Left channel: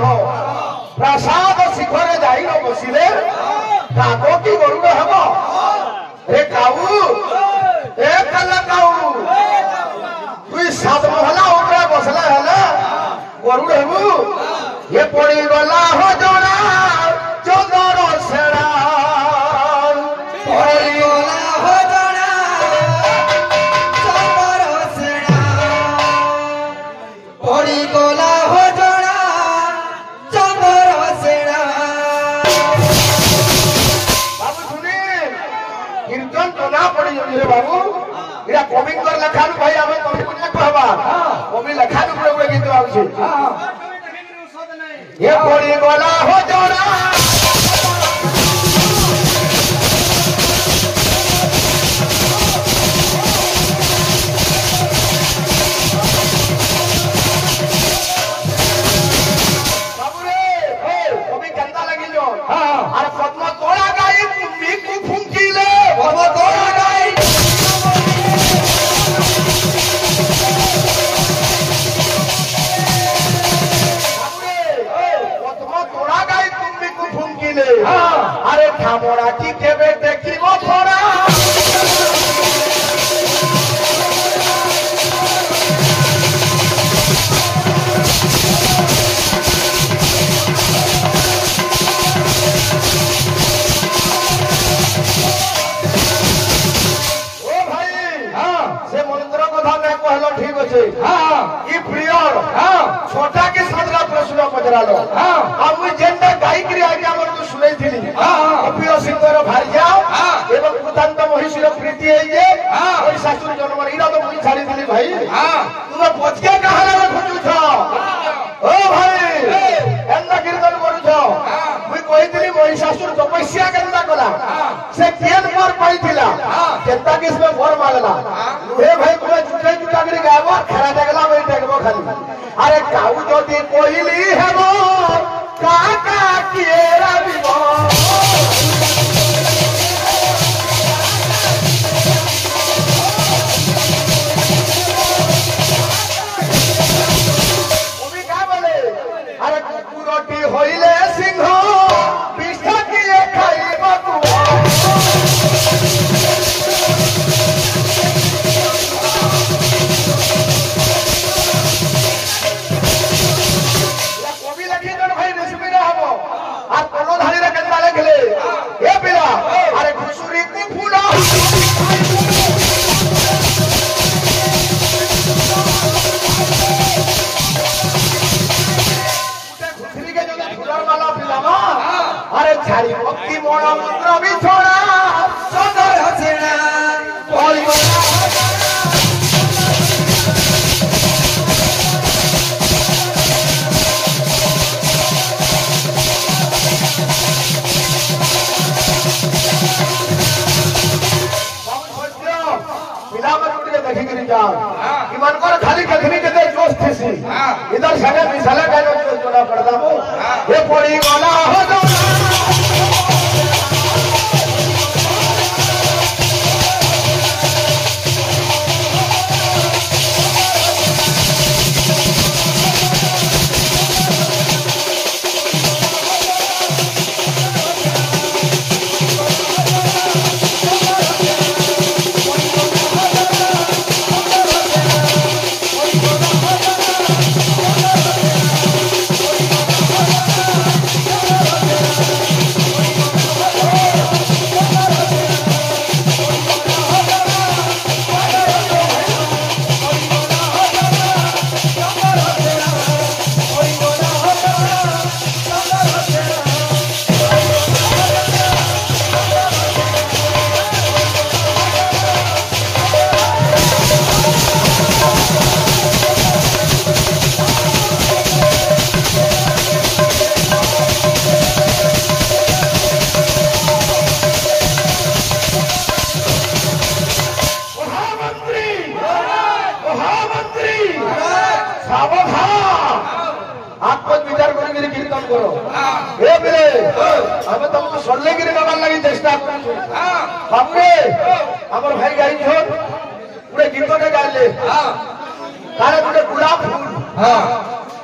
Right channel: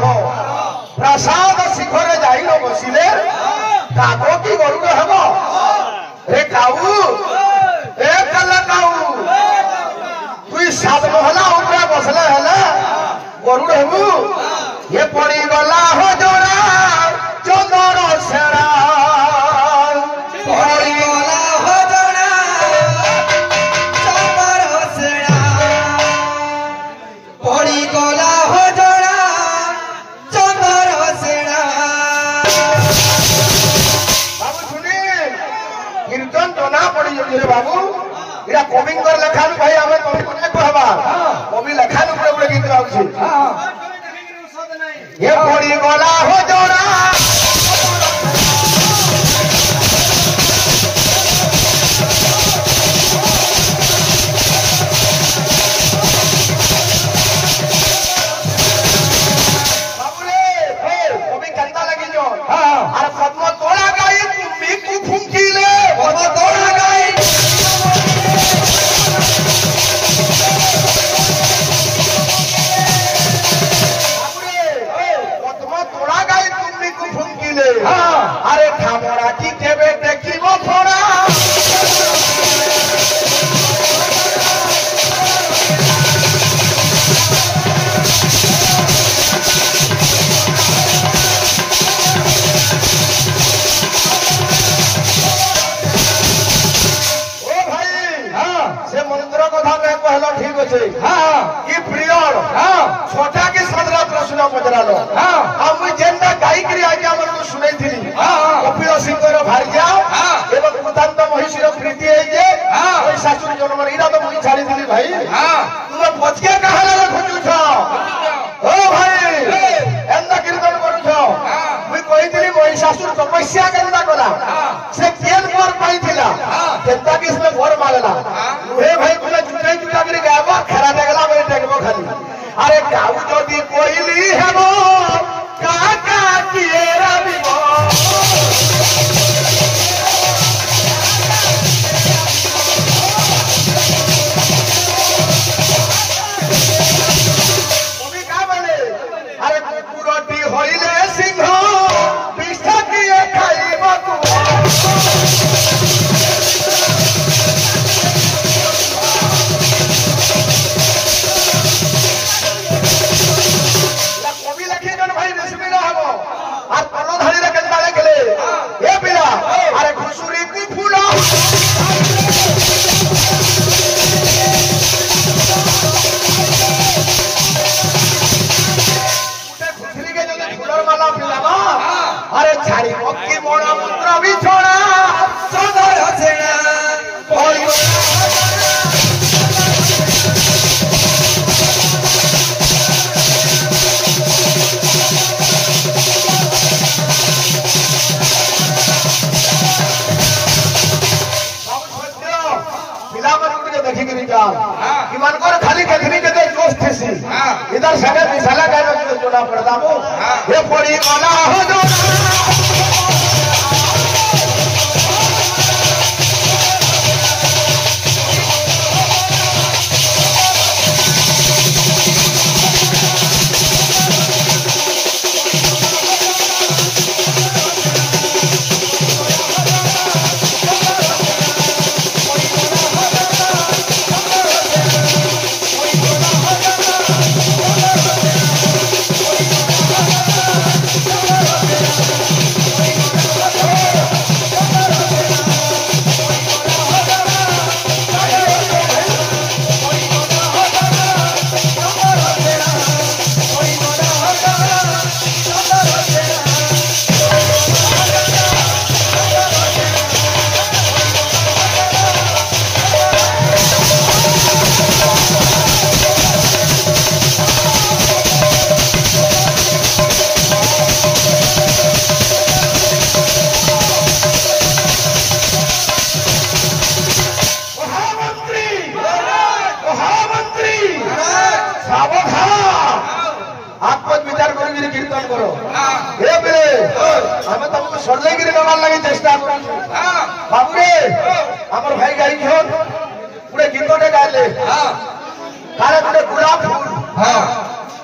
बाघ प्रसाद शिखरे जाई बसिले काको की गरुड़ हम रे काऊ ए कल काऊ तुई सात महला ऊपर बसले हेले गरुड़ हेबू ये पड़ी गला हो जोड़ा चंदर सेना पड़ी गला हो जोड़ा चंदर सेना पड़ी गला हो जोड़ा चंदर सेना बाबू सुनी कीर्तन जना पड़ी रे बाबू इरा कविंकर लेखा भाई हमें कवि ने कहबा कवि लेखा ऊपर ऊपर गीत आउछि ये पड़ी गला हो जोड़ा अरे खामोड़ा की केबे देखी वो फोड़ा ओ भाई से मंत्र कथा में कहलो ठीक अच्छे ई प्रियर छोटा की सदरा प्रश्न पचरा लो अब मुझे जेंडा गाई करी आगे हमर को सुनै थिली कपिल सिंहर भार्या एवं मुदांत महिषीर प्रीति है ये ओई शास्त्र जन्म इरा तो मुझे छाड़ी थिली भाई तुम पचके कहले खुजु छ ओ भाई एंदा कीर्तन करू छ मुई कहि थिली महिषासुर तपस्या करला कला से केन मोर पाई थिला केता किस में घर मांगला हे भाई तुम चुटे चुटा करी गावा खरा देखला मैं देखबो खाली अरे गाऊ जदी कोइली हेबो काका किएरा बिबो ओबी का बोले अरे कुकुरटी होइले सिंह बिष्ठा किए खाइबो तू इधर सगे मिसाला का चुना पड़ता हूँ ये पड़ी वाला हो जो सल्लेगिरी नमार लगी चेष्टा हमने हमर भाई गाई हो पूरे गीतों ने गाले काले पूरे गुलाब फूल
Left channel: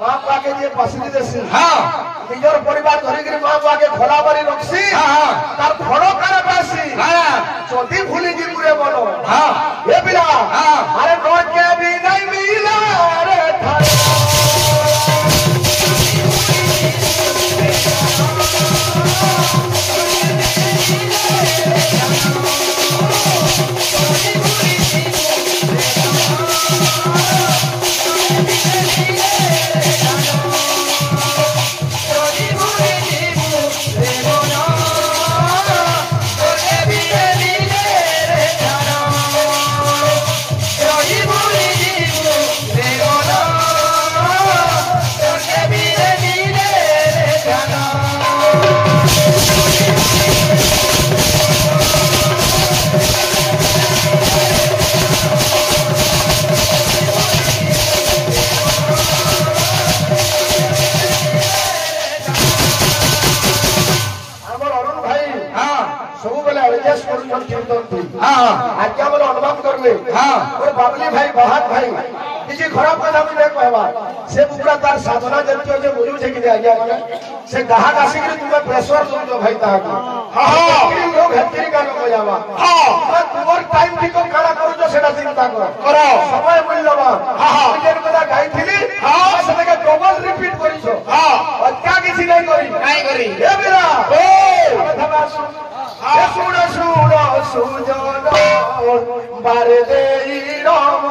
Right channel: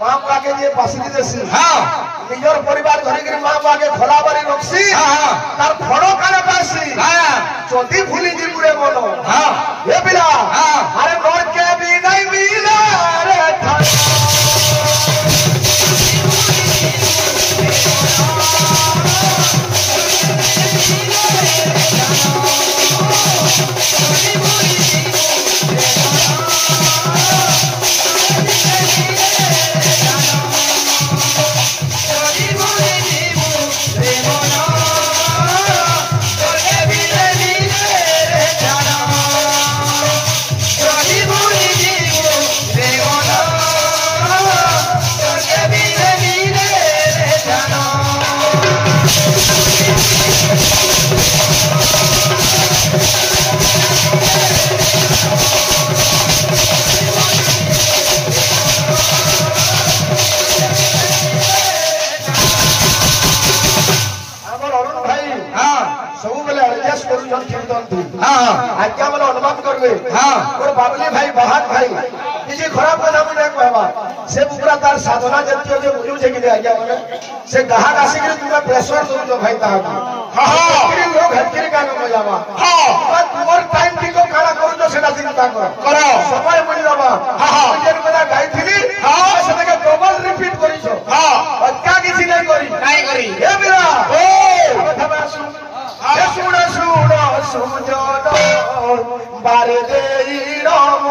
माँ बाप के जे पासली देसी निजर परिवार धरी के माँ बाप के खोला बारी रखसी तार खड़ो काने पासी चोटी भूली जी पूरे मनो ये बिला अरे मोर के भी नहीं मिला रे आज्ञा मैंने अनुमान करवे और बाबली भाई बहाद भाई किसी खराब কথা আমি নাই কহবা সে পুরা তার সাধনা যেতে যে বলু যে কি আজ্ঞা মানে সে গাহক আসি কি তুমি প্রেসার দো ভাই তাহাকে কি লোক হ্যাঁ কারণ হয়ে যাবা হ্যাঁ তোমার টাইম ঠিক কারা করছো সেটা চিন্তা করো সময় মিল যাবা হ্যাঁ যেন কথা গাইছিলি হ্যাঁ সেটাকে ডবল রিপিট করিছো হ্যাঁ অত্যা কিছু নাই করি হে বিরা ও কথা আসু শুনো শুনো সুজন বারে দেই রম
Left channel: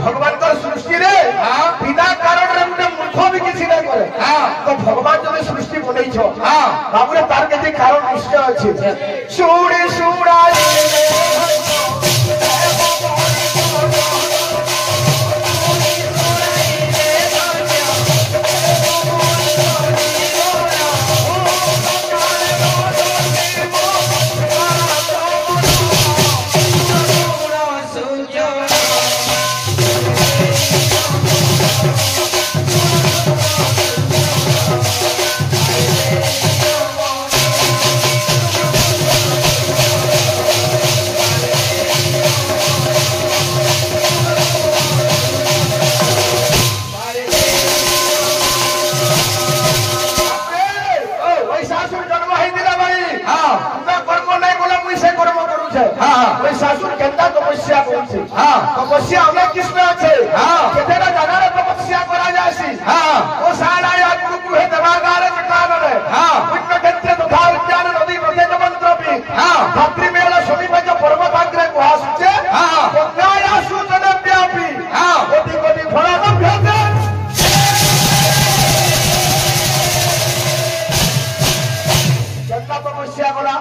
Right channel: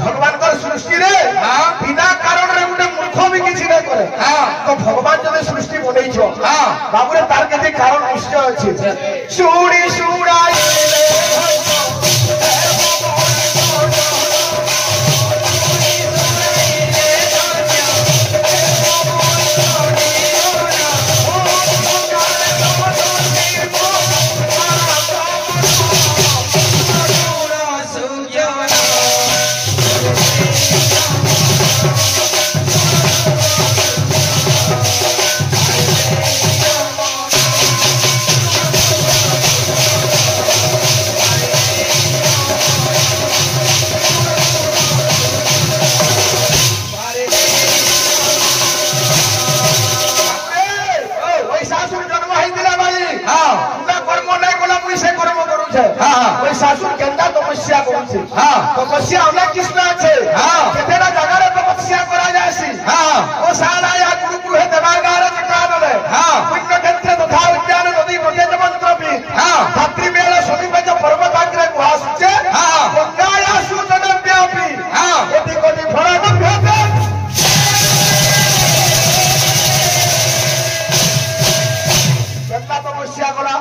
भगवान का सृष्टि रे बिना कारण रे गोटे मूर्ख भी किसी नहीं करे तो भगवान जब सृष्टि बनै छो बाबू रे तार के कारण निश्चय अछि सुड़ी सुड़ाई तपस्या हमरा कृष्ण अच्छे केतेरा जगह तपस्या करा जासी ओ सारा या गुरु हे देवागार चिकान रे पुण्य क्षेत्र तथा उद्यान नदी प्रत्येक मंत्र भी धात्री मेला सोनी में पर्वत आग्रे गुहासुचे गंगाया सूचन व्यापी कोटि कोटि फल नभ्यते केतना तपस्या करा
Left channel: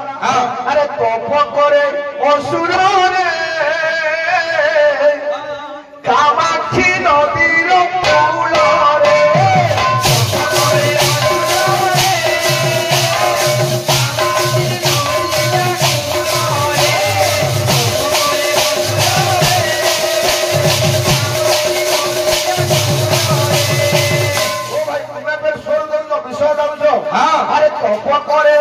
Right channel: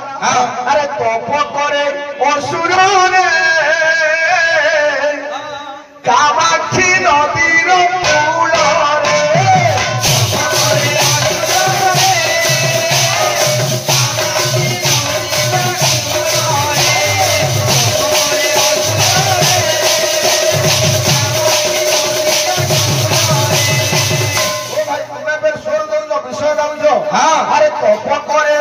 अरे तप करे असुर रे कामाक्षी नदीर कूलरे स्वर दौल विषय दौच अरे तप करे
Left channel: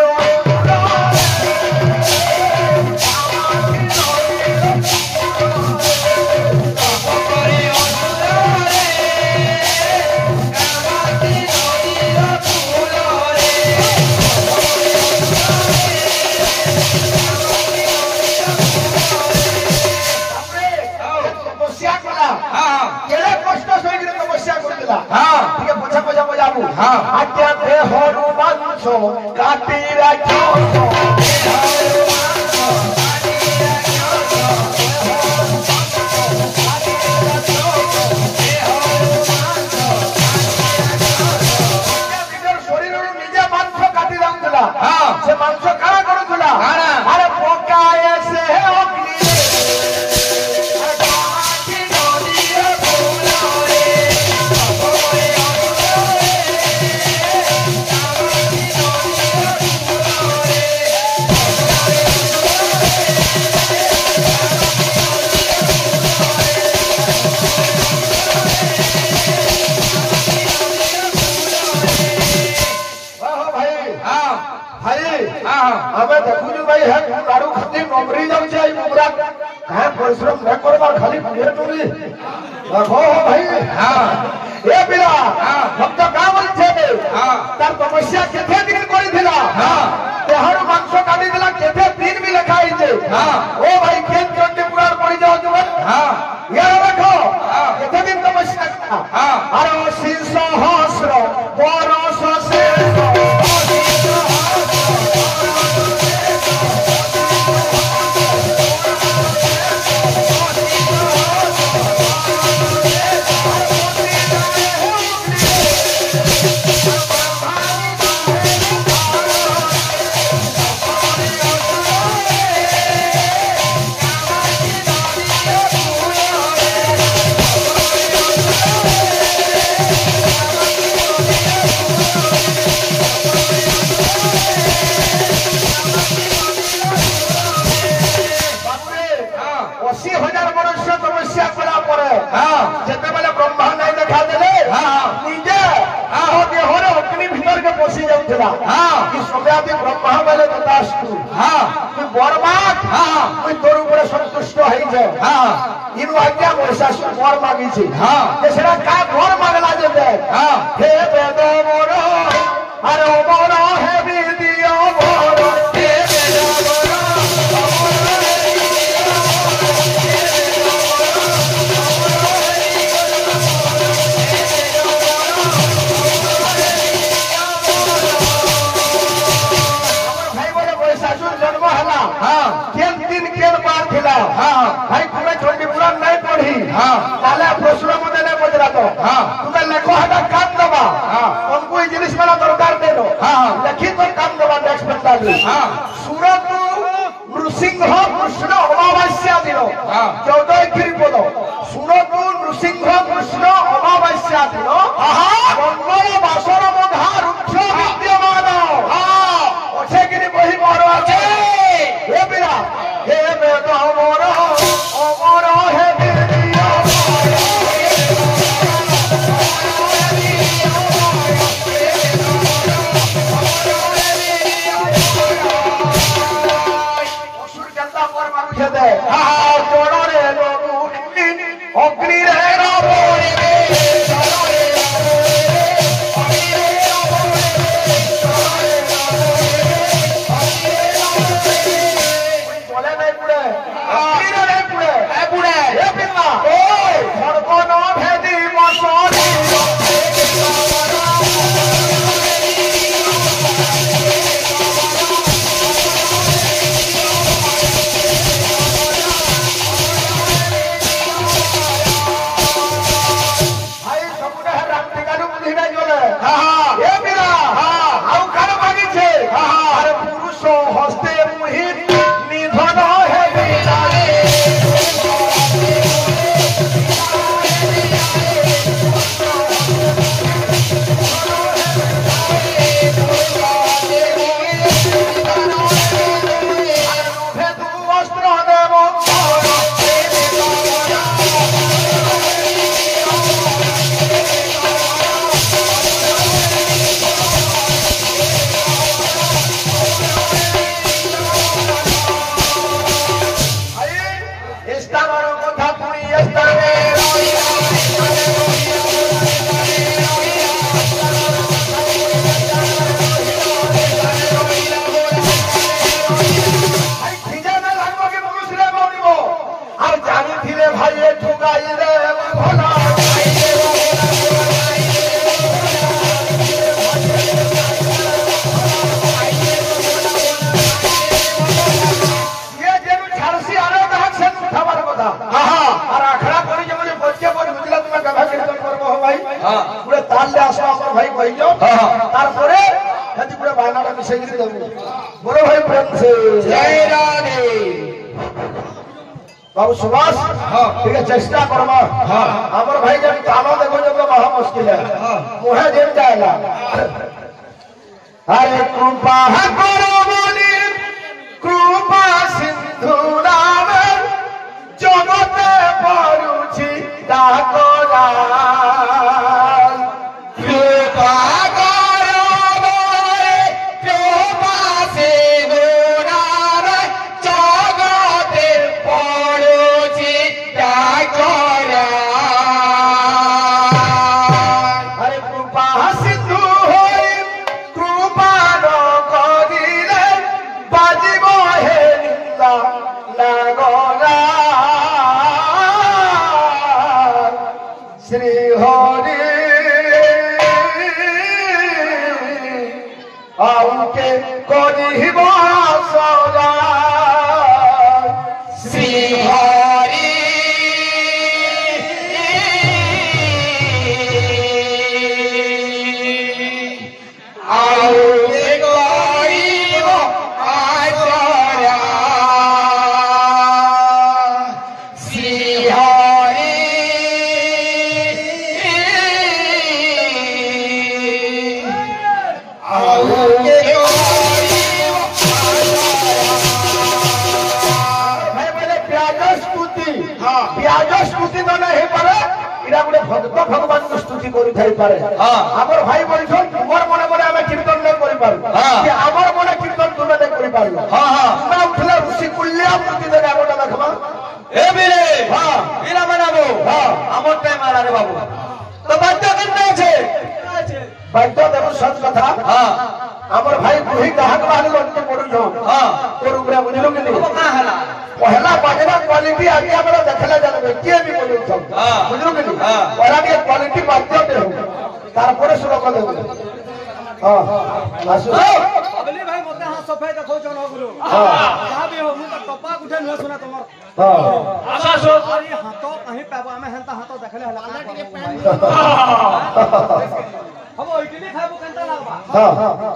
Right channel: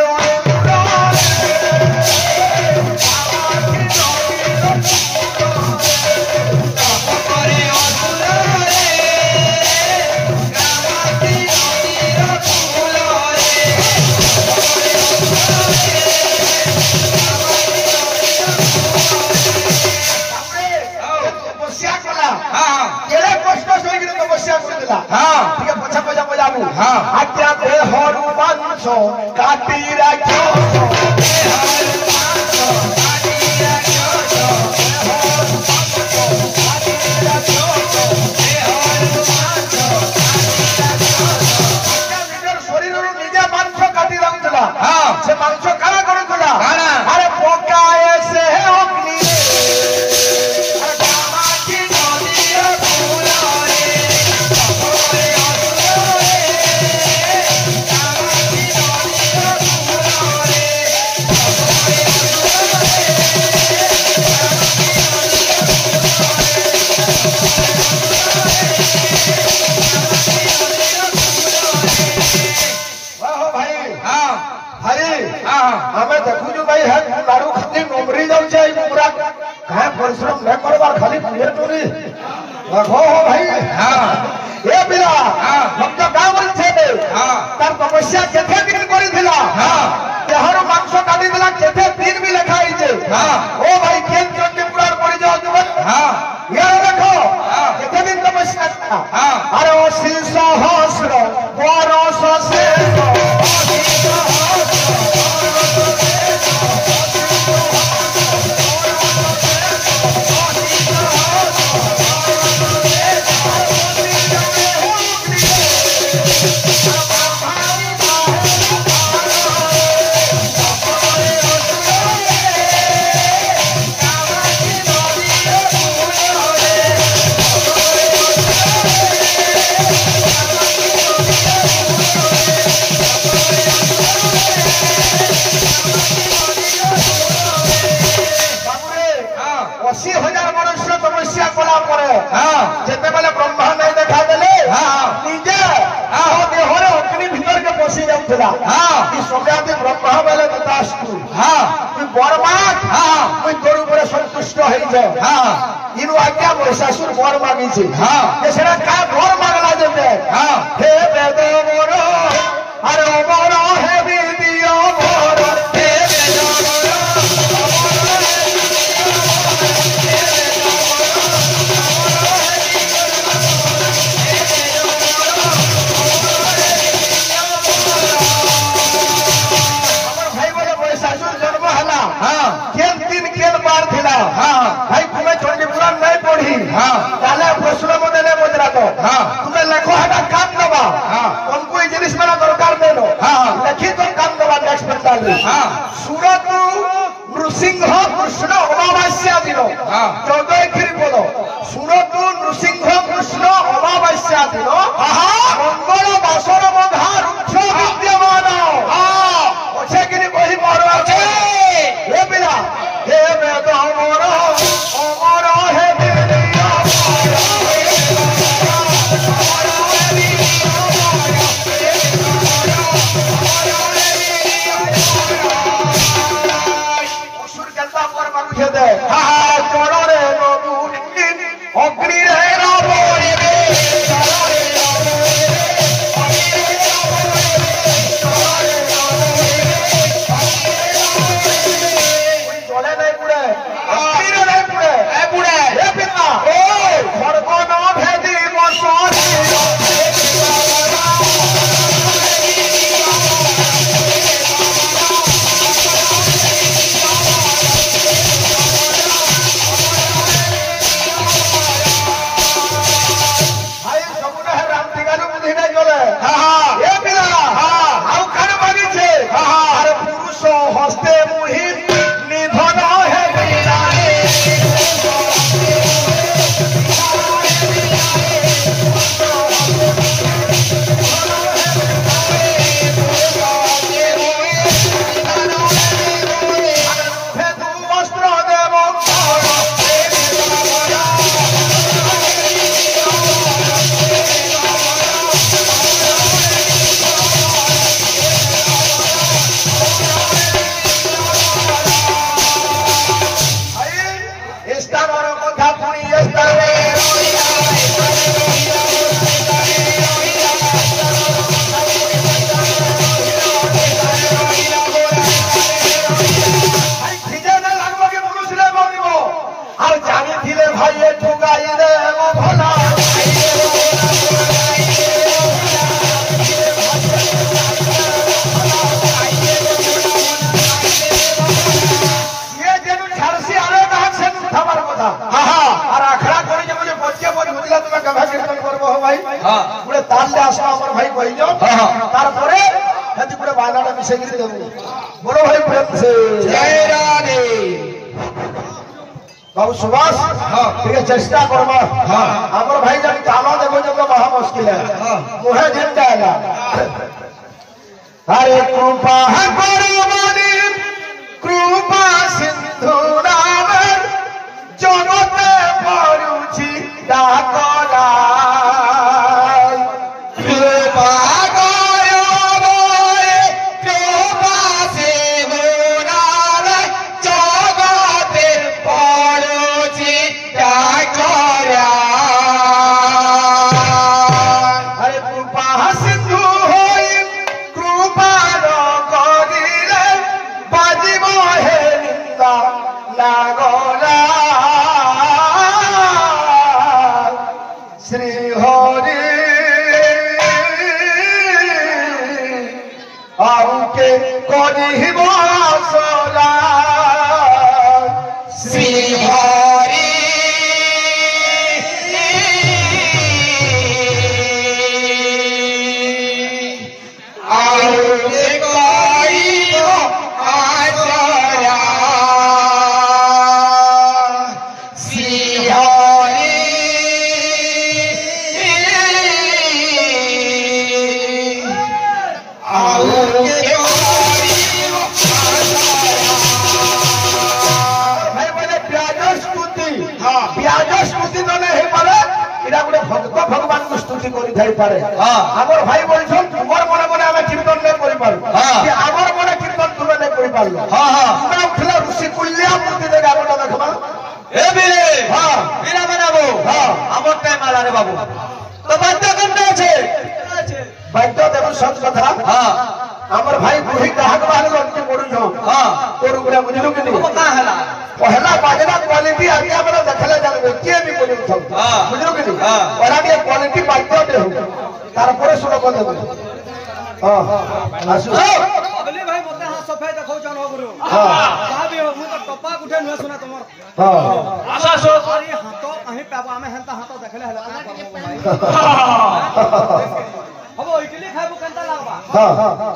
आज्ञा देहरु मांस काटी राख्यो शरीर निजे मांस काटी राखुला से मांस काना करुला अरे पकाए से अग्नि हमें देखु भाई है दारू खाली नौकरी जाऊे पूरा कहाँ परिश्रम नहीं करवार खाली पूरे टूरी देखो हो भाई ए पिला हम तो काम छे तार समस्या केथे दिन करी थिला देहर मांस काटी दिला केथे दिन भी लिखा हिचे ओ भाई केन चंडी पुराण पड़ी जाओ तुम यार देखो केथे दिन समस्या अरे ओ शीशा हसरो बरस से ब्रह्मा नहीं देखा देले निजे देहरे अग्नि भीतर के पशि जाउथला समयादि ब्रह्मा बोले बतास्तु तू बरमात तू तोर ऊपर संतुष्ट होई जाए इनु आज्ञा महिषासुर वर मांगी छे जे सेरा का वर मांगला जेते हे वेद मोर अरे मोर हे विद्या मोर हे वेद प्रश्न मत बजरा तो तुम्हें लेखो हटा काम दबा हमको जिनिस वाला दरकार दे दो लिखी तो काम दबा नेक्स्ट पेंटाल सूरत नृसिंह कृष्ण अमावास्या दिन 14 ख्रीपद सूरत नृसिंह कृष्ण अमावास्या दिन मंगल बासर बंधा रुक्ष विद्यमान अच्छे कि बही बड़ अच्छे हे पिला हे वेद अमर अमर हे अग्नि बड़ो भाई प्रेम से जय रानी बाबू सुभाष ठीक है चेष्टा करवा हमारे भाई जब जानो देखो जब तो बहुत मुश्किल है मुहे जेल जाएगा हरे कृपा कृपा सिंधु रामर जनते परुछि डाकरा कृपा श्री हरि आउके करिब सदा श्री हरि आउके करिब आसरा श्री हरि भक्त भगवान को स्तुति करि थाई पारे हमर भाई बोलछन तुमर मने मने हम कीर्तन नै करि पारु कि हमर मने कीर्तन तुम नै करि पारलो हमरा उठला ऋषि कुल्या मूर्ति देगा गोटा देखबा ए बीरे बीरा बनाबो हमर टाइम आला रे बाबू तो बात करते छे बात देखो सच कथा हमर भाई बुही ग्राहक वाले अंत पड़ल हो तोर गुरा बुझलो कि नहीं पता हला पहला बाजरा क्वालिटी आगे हमरा देखले जाने के भी कोनी थम बुझलो कि नहीं और आगे क्वालिटी बात दे हो तारपरे सुनो को देबो आसु अबली भाई मते हां सफाई देखौ जन हो गुरु जा भी हो मु तो टपा उठे न सुना तुमर आशा सो अरे हाथ कहीं पाबो हमें हंता हाथ देखले हला का करबो भाई हबो इडली खाबो केनता लागबा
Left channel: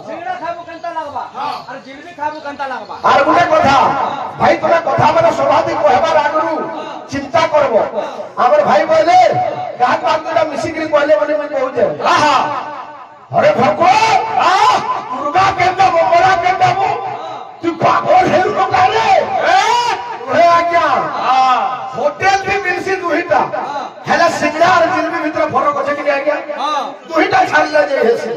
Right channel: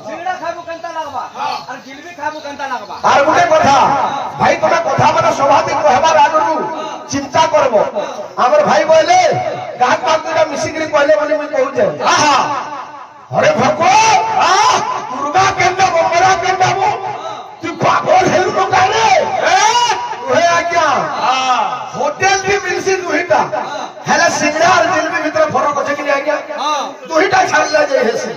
सिंगड़ा खाबो केनता लागबा और जिलेबी खाबो केनता लागबा और गुटे कथा भाई तोरा कथा माने स्वाभाविक कहबार आगरु चिंता करबो हमर भाई बोले गाहक बातुरा मिसिकरी कहले बोले मु कहू जे अरे भगवान दुर्गा केनता बड़ा केनता तू पागल है तो कहले ओए आज्ञा होटल भी मिलसी दुहिटा हेला सिंगड़ा और जिलेबी भीतर फरक होचे कि आज्ञा दुहिटा छाड़ले जे हेसी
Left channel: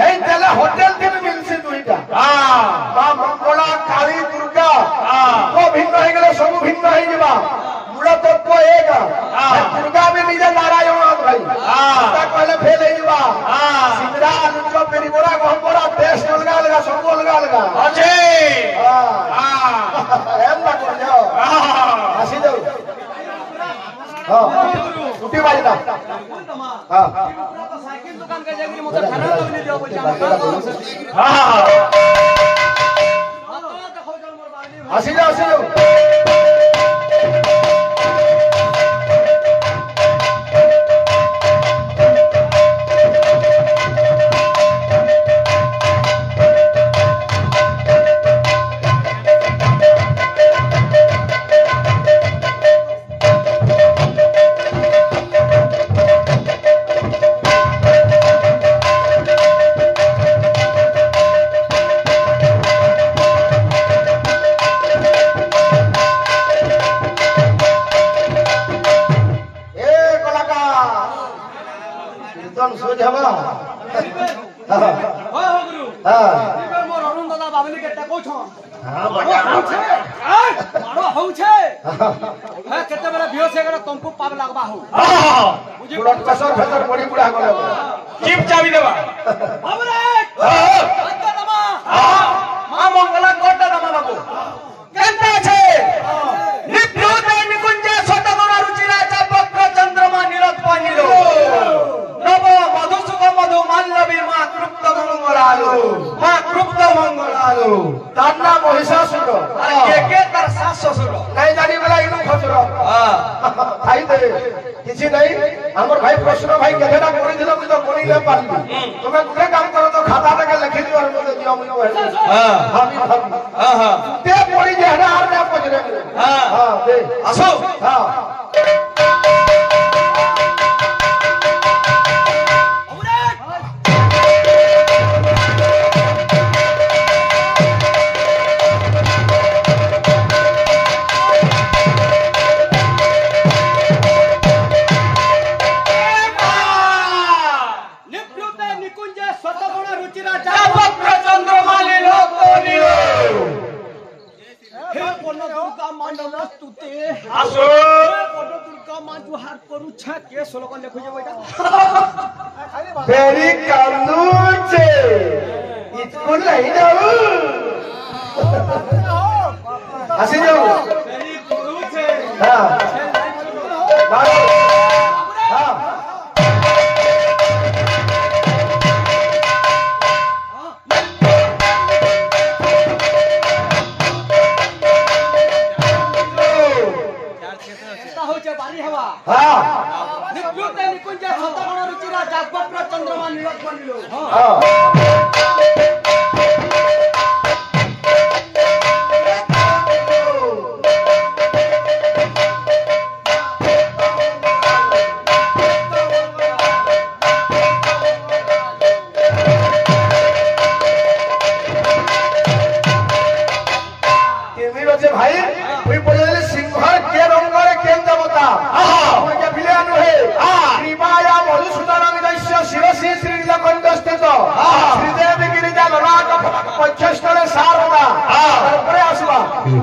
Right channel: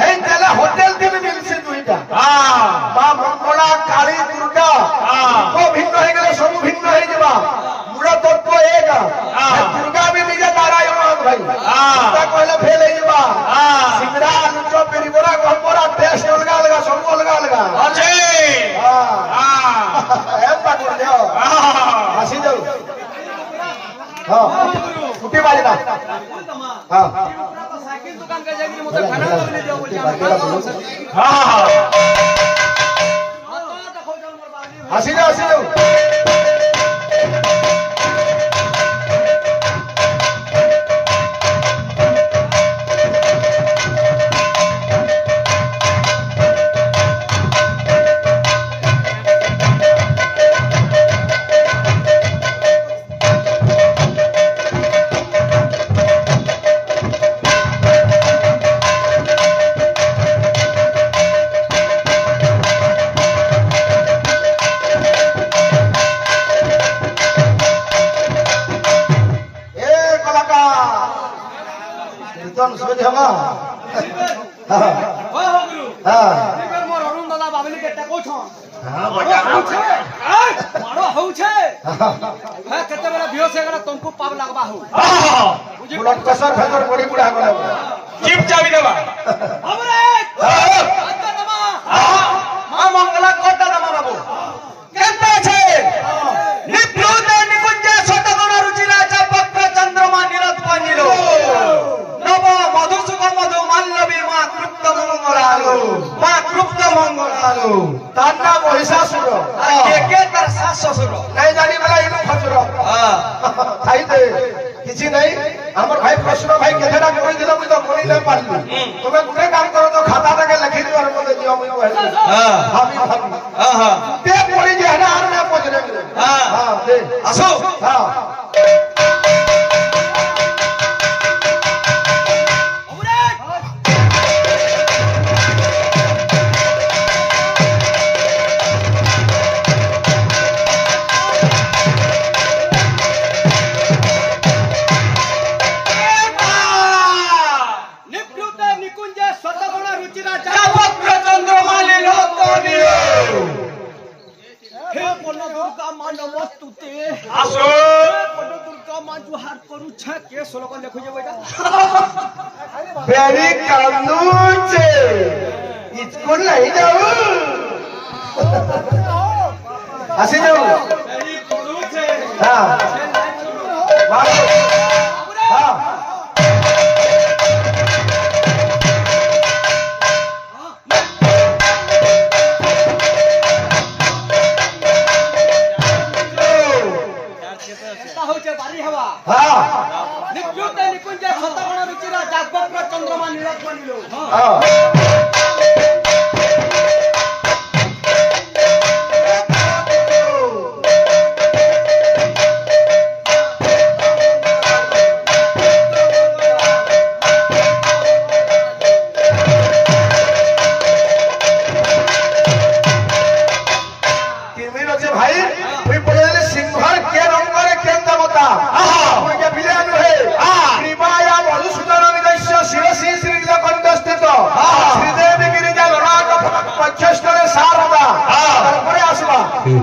हे तेला होटल भी मिलसी दुहिटा बा मंगला काली दुर्गा को भिन्न हो गेले सब भिन्न हो जबा मुड़ा तत्व एक दुर्गा भी निजे नारायण भाई दुर्गा कहले फेल हो जबा सिंगड़ा अनुचो पेरी बोरा गहबरा टेस्ट अलगा अलगा सब अलगा अलगा अच्छे एम बात करयो आसी जाऊ उठी वाली बात ऊपरा तो साइकिल दुकान के जगह मुझे खाना लगने दियो बोल हम काम करो सर तो देखो जन मोर बागली भाई आसी जाऊ तुमको पाप लगवा हो मुझे कसर फेसर बड़ी बुढ़ा को लगवा चिप चाबी देबा हमरे अच्छा नमा मां मंगला कोटा नमा बाबू केनते छे निप्लुते निकुंज छोटा बना रुचि राजा पत्र चंद्रमा निरत पानिलो नव मधु सुख मधु मल्लवी मां कृप्त मंगलालो ताना महिषासुर एके कर सास ससुर नहीं जानी वाला इनु खचरो खाई दे किसी नहीं हमर भाई प्रश्न भाई केथेडा कोई दिलो कि तो कोनी ले पारली तुमे गुटे काम करो तो खाता तक लिखि दियो और मते दियो मुई कहले भाभी भाभी ते पड़ी जे हरा आर ना पजरे हां दे आसो हां दुर्गा मां नमस्तुते आसो बड़ दुर्गा मां जुहार करू छ के श्लोक लिखु जे बेटा बेरी कालू छे स्कूल नहीं जाऊ आसी जाऊ बेरी करू छे हां मारो हां হচ্ছে বাড়ি হওয়া হ্যাঁ নিকুঞ্জে নিকুঞ্জে শতগণ রুচিরা জাগবক্র চন্দ্রমা নীলক মানিল হ্যাঁ ভাই তুই বলে সিংহর কে রঙ্গরে কেন দেবতা ওইকে বিলেন হে কৃপায়া মধুসূদন নিদস্য শিরসি শ্রীজ কণ্ঠস্থিত শ্রীদেবী গিরিজা ললাট পক্ষস্থলে সারদা তারপরে আসবা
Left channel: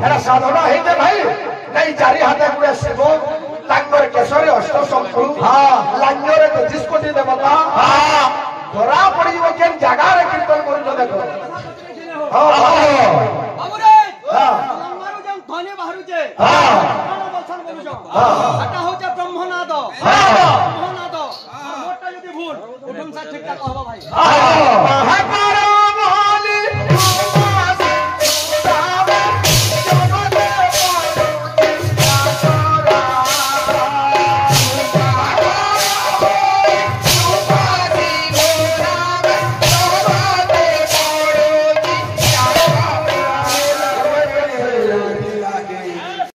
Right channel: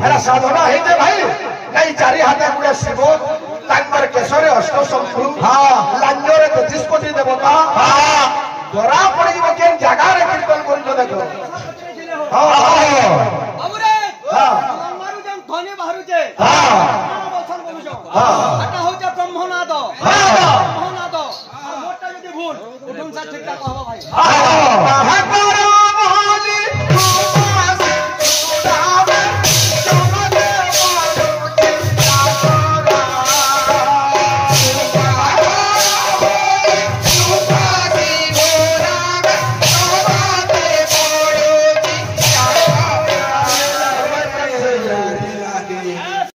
এরা সাধনা হইতে ভাই নাই চারি হাতে গুড়ে শিব তাঙ্গর কেশরে অষ্ট শঙ্কু লাঞ্জরে 23 কোটি দেবতা ধরা পড়িব কেন জাগারে কীর্তন করুছ দেখো